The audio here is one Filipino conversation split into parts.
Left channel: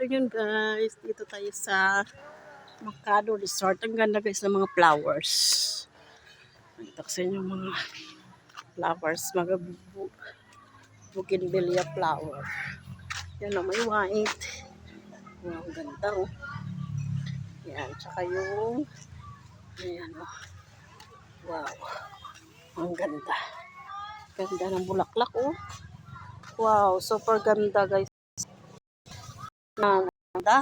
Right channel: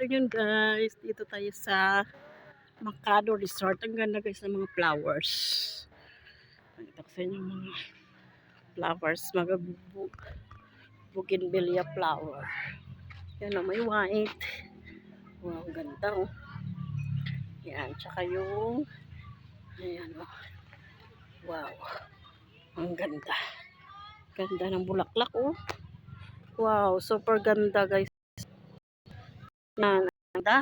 afternoon guys. Dito tayo sa Macado Resort. Ang ganda guys ng mga flowers. Dito kasi yung mga flowers, mga bougainvillea flower. Yan o, may white. Wow, ang ganda o. Yan, tsaka yung ayan o. Wow, ang ganda. Ganda ng bulaklak o. Wow, super ganda guys. Ganda.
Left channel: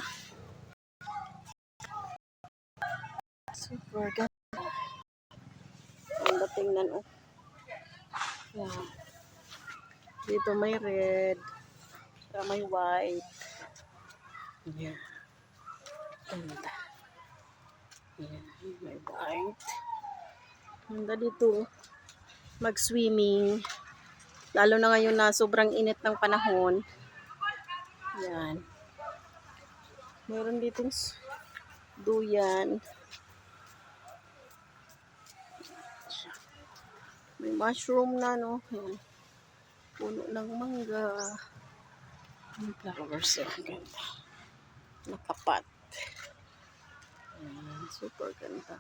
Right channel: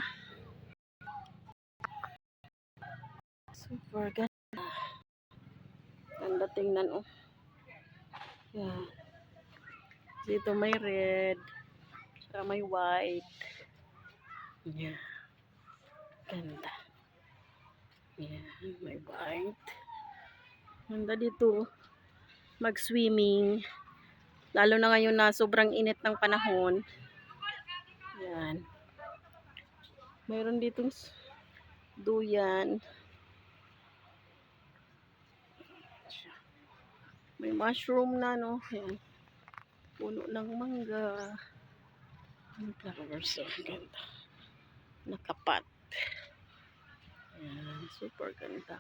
Super ganda. Ganda tingnan oh. Yeah. Dito may red. Saka may white. Yeah. Ganda. Yeah. May white. Ganda dito. Mag-swimming. Lalo na ngayon na sobrang init ng panahon. Yan. Meron ditong duyan. May mushroom na no. Yan. Puno ng mangga. Yung flowers. Ganda. Nakapat. Yan. Super ganda.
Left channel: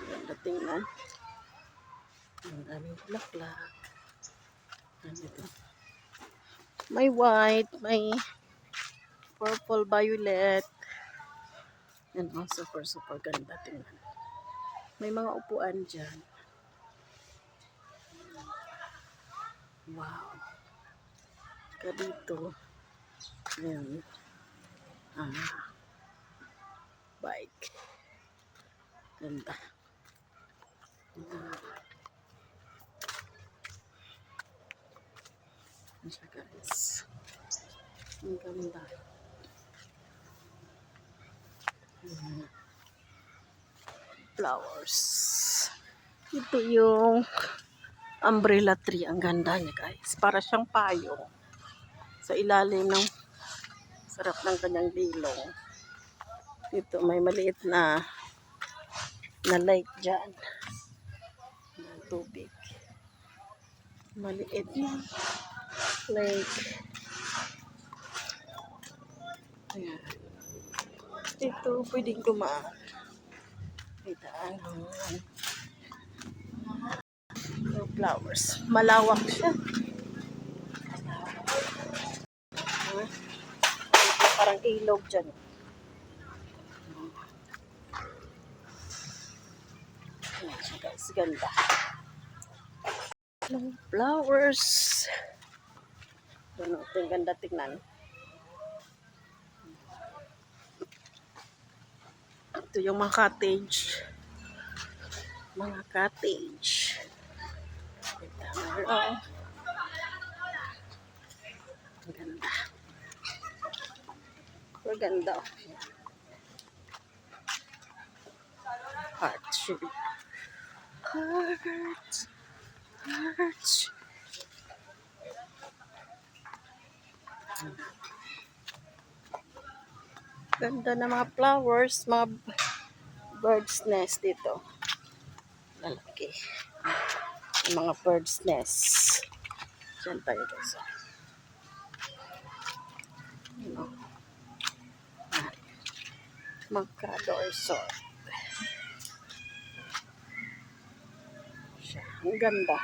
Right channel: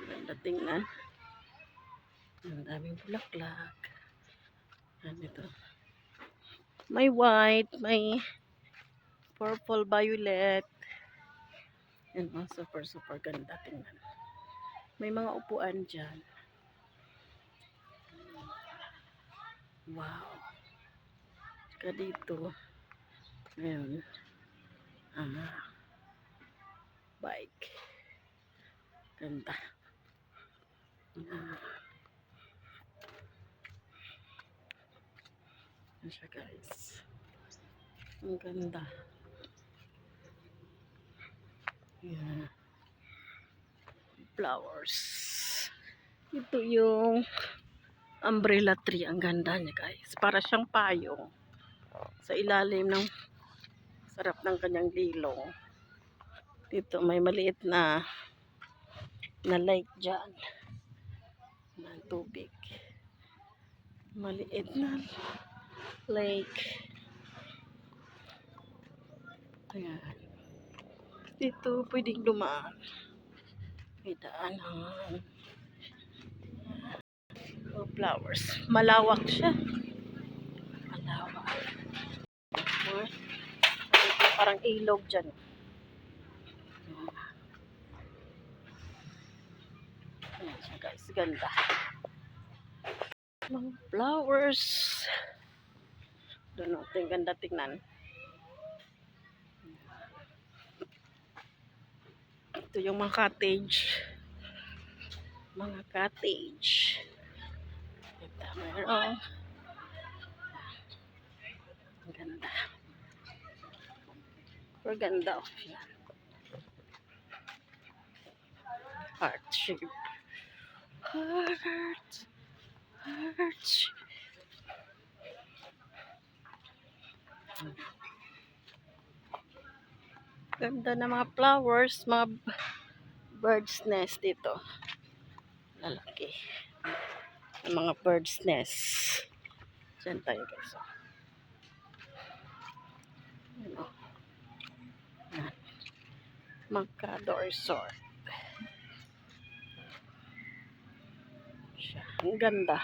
Ganda tingnan. Ang daming bulaklak. Nandito. May white. May purple, violet. Yan oh, super ganda tingnan. May mga upuan dyan. Wow. Ka dito. Ayan. Bike. Ganda. Ayan siya guys. Ang ganda. Ayan. Flowers. Ito yung umbrella tree. Ang ganda niya guys. Para siyang payong. Sa ilalim ng sarap ng kanyang bilong. Dito may maliit na lake dyan. Na tubig. Maliit na lake. Ayan. Dito pwedeng dumaan. May daanan. Flowers. Malawak siya. Malawak. Parang ilog dyan. Ayan siya guys. Ganda. Long flowers. Doon natin ganda tingnan. Ito yung mga cottage. Mga cottage. Wow. Ganda. Ganda. Heart shape. Heart. Heart. Ganda na mga flowers, mga bird's nest dito. Lalaki. Mga bird's nest. Diyan tayo guys. Macado Resort. Ang ganda.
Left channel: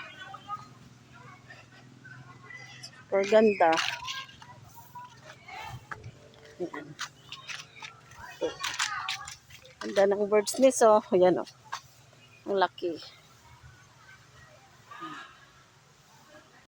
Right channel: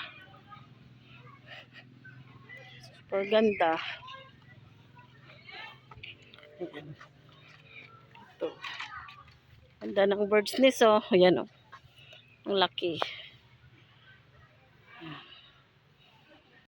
Super ganda. Yan. Ito. Ganda ng bird's nest oh. Ayan oh. Ang laki.